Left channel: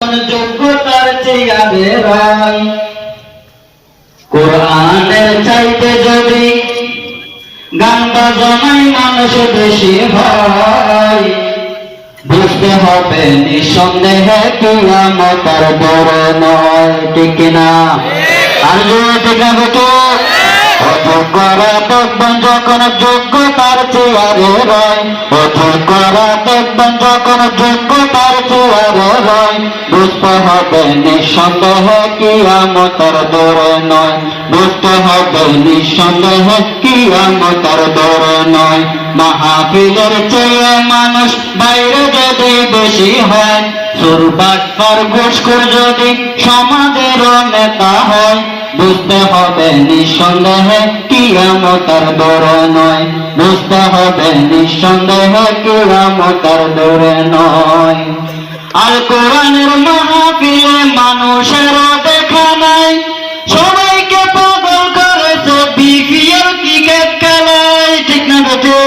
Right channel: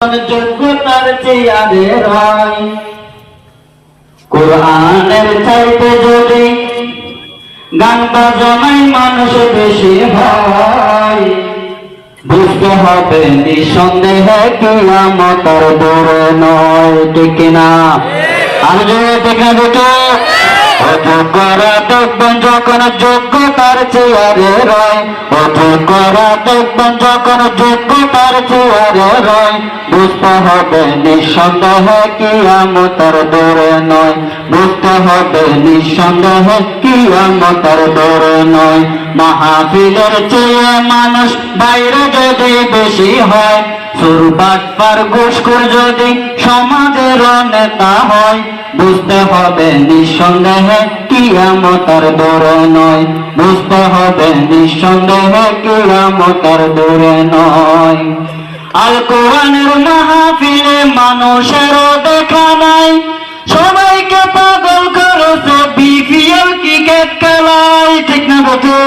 যোগ্যতার চেয়ারে রয়। কোরআনের চাইতে যদি গান বাজনায় মানুষ বেশি হয়, বুঝতে হবে নিঃসন্দেহে কিয়ামতের দূরে নয়। ঠিক না? আর যদি ঠিক না বেটো অযোগ্যরা দেখবেন যখন যোগ্যতার চেয়ারে রয়, অযোগ্যরা দেখবেন যখন যোগ্যতার চেয়ারে রয়, বুঝতে হবে নিঃসন্দেহে কিয়ামতের দূরে নয়, বুঝতে হবে নিঃসন্দেহে কিয়ামতের দূরে নয়। মাহফিলের চেয়ে মানুষ বাইরে যদি বেশি হয়, চোর বাটপার ঘুষখোর যদি সমাজের নেতা হয়, বুঝতে হবে নিঃসন্দেহে কিয়ামতের দূরে নয়, বুঝতে হবে নিঃসন্দেহে কিয়ামতের দূরে নয়। আল কোরআনের মাহফিলে মানুষের দেখা নাই, সবাইকে পাগল করেছে বিপিএল ক্রিকেট খেলায়। ঠিক না বেটে?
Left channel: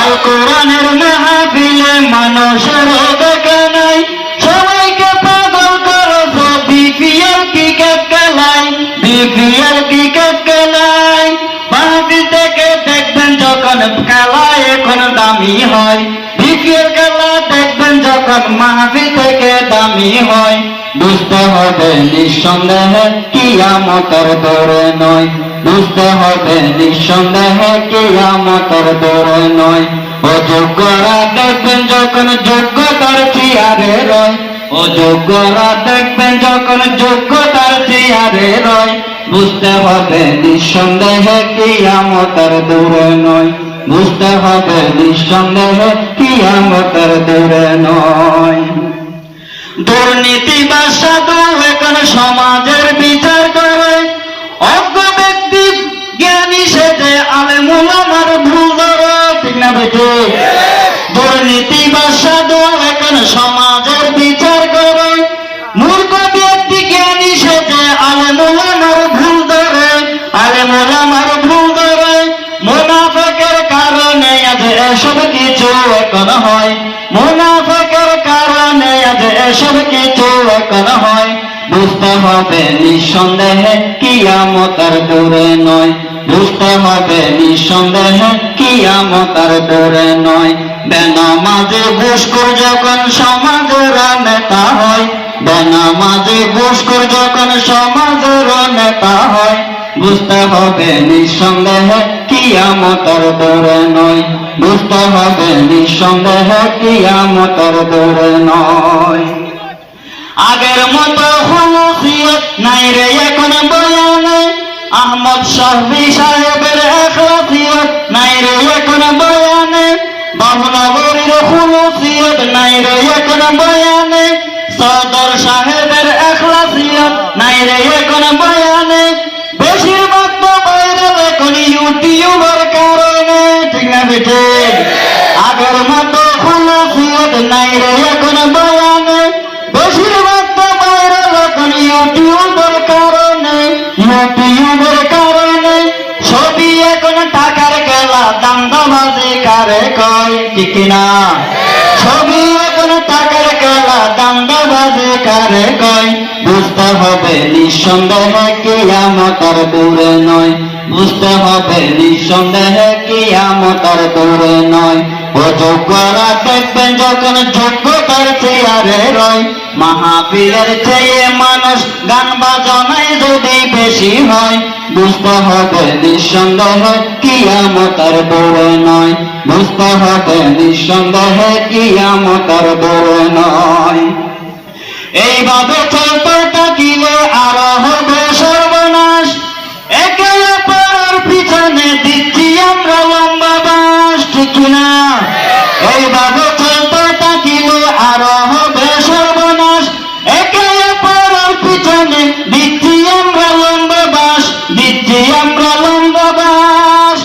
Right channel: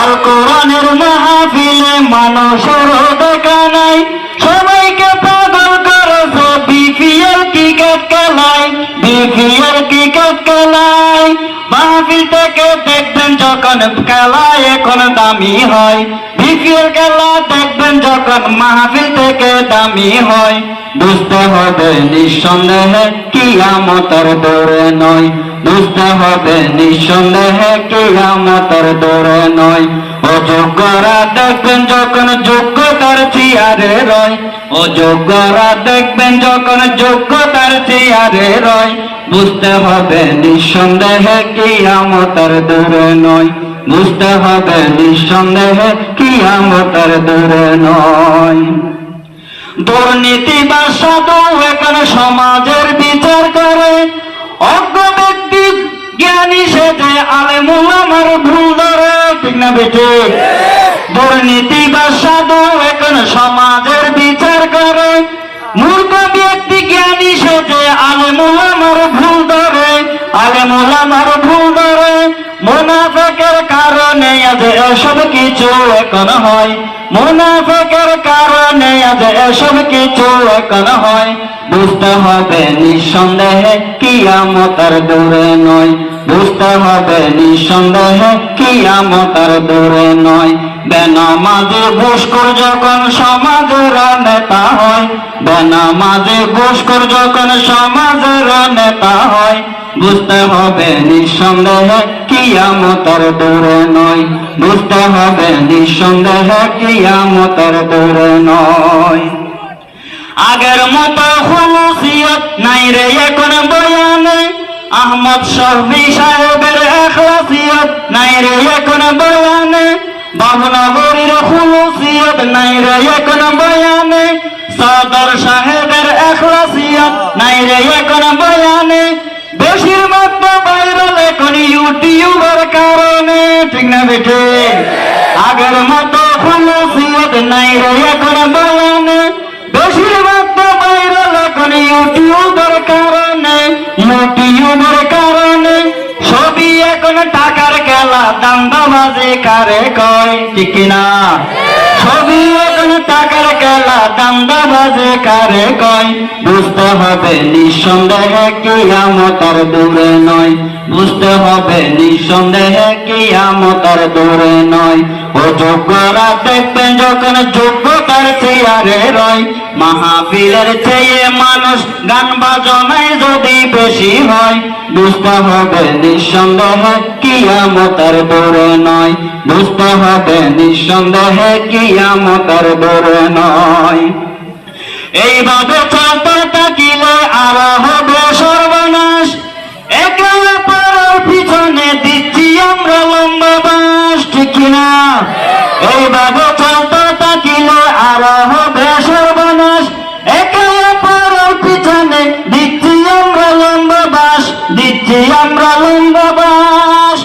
আল কোরআনের মাহফিলে মানুষের দেখা নাই, সবাইকে পাগল করেছে বিপিএল ক্রিকেট খেলায়, বিপিএল ক্রিকেট খেলায়। মাহফিল থেকে দেখবেন যখন খেলা এখন দামি হয়, বিপিএল খেলা দেখবেন যখন মাহফিল থেকে দামি হয়, বুঝতে হবে নিঃসন্দেহে কিয়ামতের দূরে নয়, বুঝতে হবে নিঃসন্দেহে কিয়ামতের দূরে নয়। অযোগ্যরা দেখবেন যখন যোগ্যতার চেয়ারে রয়, অযোগ্যরা দেখবেন যখন যোগ্যতার চেয়ারে রয়, বুঝতে হবে নিঃসন্দেহে কিয়ামতের দূরে নয়, বুঝতে হবে নিঃসন্দেহে কিয়ামতের দূরে নয়। দুর্নীতি বা সাধু এখন সমাজের বিচার করে, অজ্ঞ ব্যক্তি জ্ঞানী সেজে আলেম উলামার ভুল ধরে। ঠিক না বেটে? দুর্নীতি বা সাধু এখন সমাজের বিচার করে, মূর্খ ব্যক্তি জ্ঞানী সেজে আলেম উলামার ভুল ধরে, আলেম উলামার ভুল ধরে। মুনাফিকের কারণে আজ এসব কিছু এখন হয়, মুনাফিকের কারণে আজ এসব কিছু এখন হয়, বুঝতে হবে নিঃসন্দেহে কিয়ামতের দূরে নয়, বুঝতে হবে নিঃসন্দেহে কিয়ামতের দূরে নয়। বেনামাজি ঘুষখোর যখন সমাজের নেতা হয়, বেনামাজি ঘুষখোর যখন সমাজের নেতা হয়, বুঝতে হবে নিঃসন্দেহে কিয়ামতের দূরে নয়, বুঝতে হবে নিঃসন্দেহে কিয়ামতের দূরে নয়। আগের মতো হুলুসিয়ত নাই রে এখন বয়ানে, আহমদ শফি সাহেবের এখলাসিয়ত নাই রে এখন বয়ানে, বাবুনগরীর হুলুসিয়ত নাই রে এখন বয়ানে, সদর সাহেবের এখলাসিয়ত নাই রে এখন বয়ানে। বেশিরভাগ তো ভাইরাল এখন ইউটিউবের কারণে। ঠিক না বেটে? আগের মতো হুলুসিয়ত নাই রে এখন বয়ানে, বেশিরভাগ তো ভাইরাল এখন ইউটিউবের কারণে, ইউটিউবের কারণে। ছবি এখন টাকার খেলা, দান্দাবাজি কারে কয়। ঠিক না? ছবি এখন টাকার খেলা, দান্দাবাজি কারে কয়, বুঝতে হবে নিঃসন্দেহে কিয়ামতের দূরে নয়, বুঝতে হবে নিঃসন্দেহে কিয়ামতের দূরে নয়। অযোগ্যরা দেখবেন যখন যোগ্যতার চেয়ারে রয়, মাহফিলের চেয়ে মানুষ গান বাজনায় যদি বেশি হয়, বুঝতে হবে নিঃসন্দেহে কিয়ামতের দূরে নয়, বুঝতে হবে নিঃসন্দেহে কিয়ামতের দূরে নয়। এইভাবে চলতে থাকিলে আর হবে সর্বনাশ, একে অপরের পিছনে দিচ্ছি আমরা লম্বা বাস। ঠিক না? এইভাবে চলতে থাকিলে আর হবে সর্বনাশ, একে অপরের পিছনে দিচ্ছি আমরা লম্বা বাস, দিচ্ছি আমরা লম্বা বাস।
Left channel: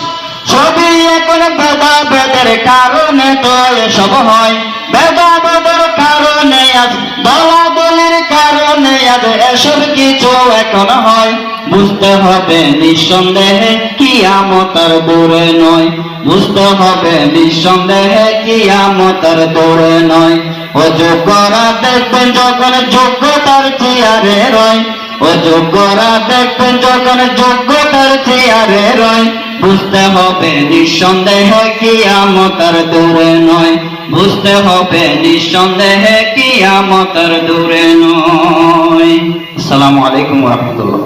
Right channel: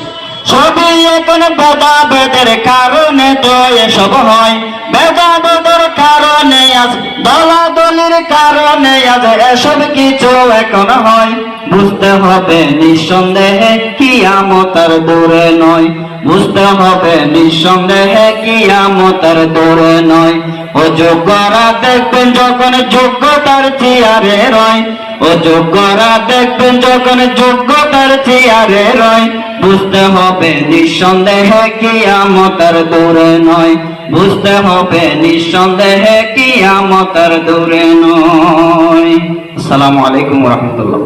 ছবি এখন ভেদাভেদের কারণে তো এসব হয়, ভেদাভেদের কারণে আজ দলাদলির কারণে আজ এসব কিছু এখন হয়, বুঝতে হবে নিঃসন্দেহে কিয়ামতের দূরে নয়, বুঝতে হবে নিঃসন্দেহে কিয়ামতের দূরে নয়। অযোগ্যরা দেখবেন যখন যোগ্যতার চেয়ারে রয়, অযোগ্যরা দেখবেন যখন যোগ্যতার চেয়ারে রয়, বুঝতে হবে নিঃসন্দেহে কিয়ামত আর দূরে নয়, বুঝতে হবে নিঃসন্দেহে কিয়ামত আর দূরে নয়। আসসালামু আলাইকুম ওয়া রাহমাতুল্লাহ।